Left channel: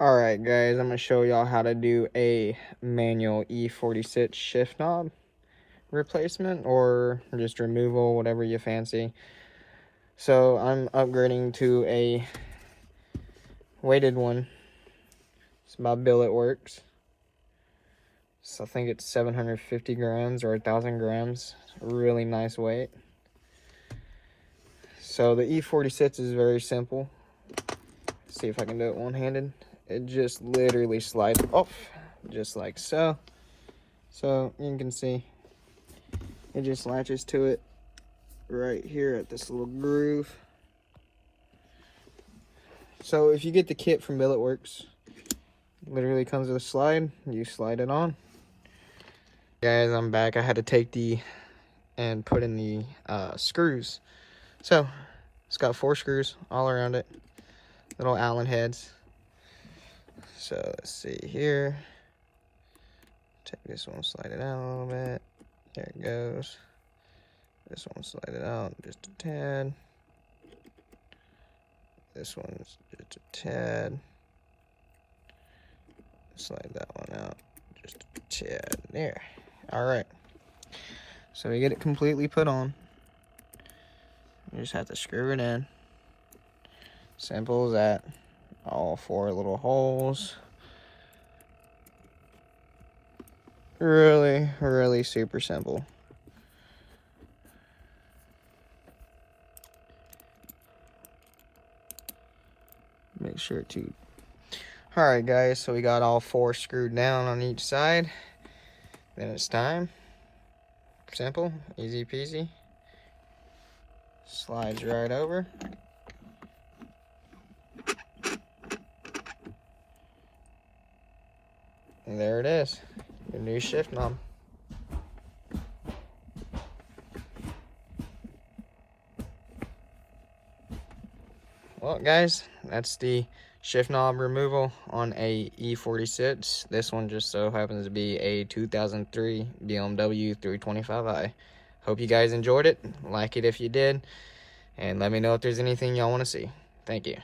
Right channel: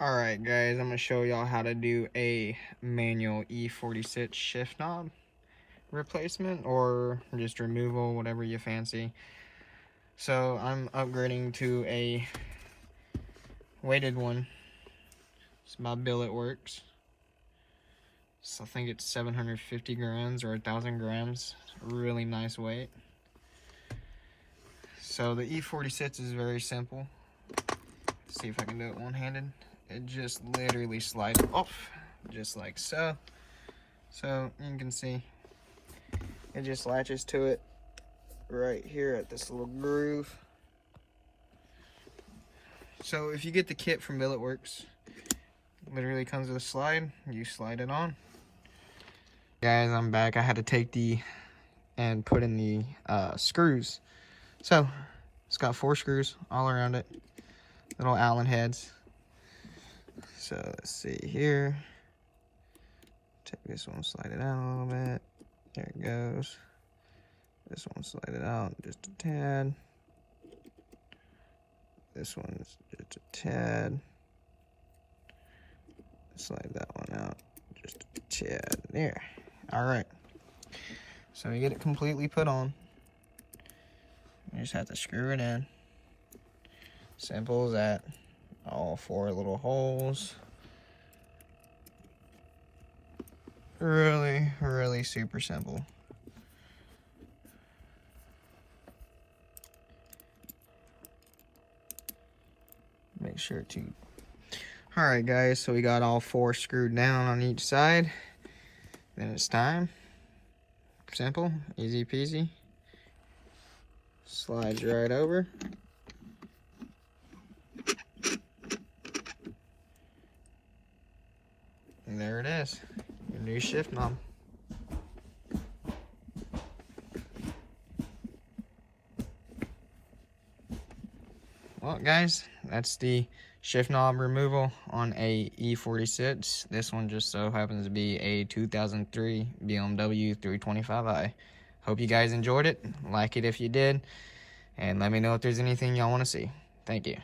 Alright guys, I'm going to show y'all how to do a manual E46 shift knob replacement or just removal, whatever you fancy. So I'm upgrading to a weighted one. It's by Billet Works. So I think it's 750 grams or 1,000 grams. Really nice weight. So the E46 is very simple. Let's see if I can do it one-handed. It just literally slides off, just like so. So you can see, it just latches to it right here at this little groove. So if you get the kit from Billet Works, it literally comes with a slide. You slide it on. Guys, I'm back. I had to take and put in the screws. So it's got 4 screws all around it, little Allen heads. So let's see here. Take this one, slide it out a little bit. There it goes. This one, slide it out just a tad. This one's just a tad. Slide that one out just a tad. There. Alright. So we get it completely put on. You just have to screw it in. Simple as that. All 4 little holes. Really super simple. Make sure to. Alright guys, so we got all 4 screwed down on each side. Then it's time. Simple, easy peasy. Slides right over. And there it is, your new shift knob. Well guys, that's the shift knob removal on a E46. This one just so happens to be a 2003 BMW 325i. Hope you guys enjoyed it. Like it if you did. And let me know if there's anything y'all want to see. Thank you.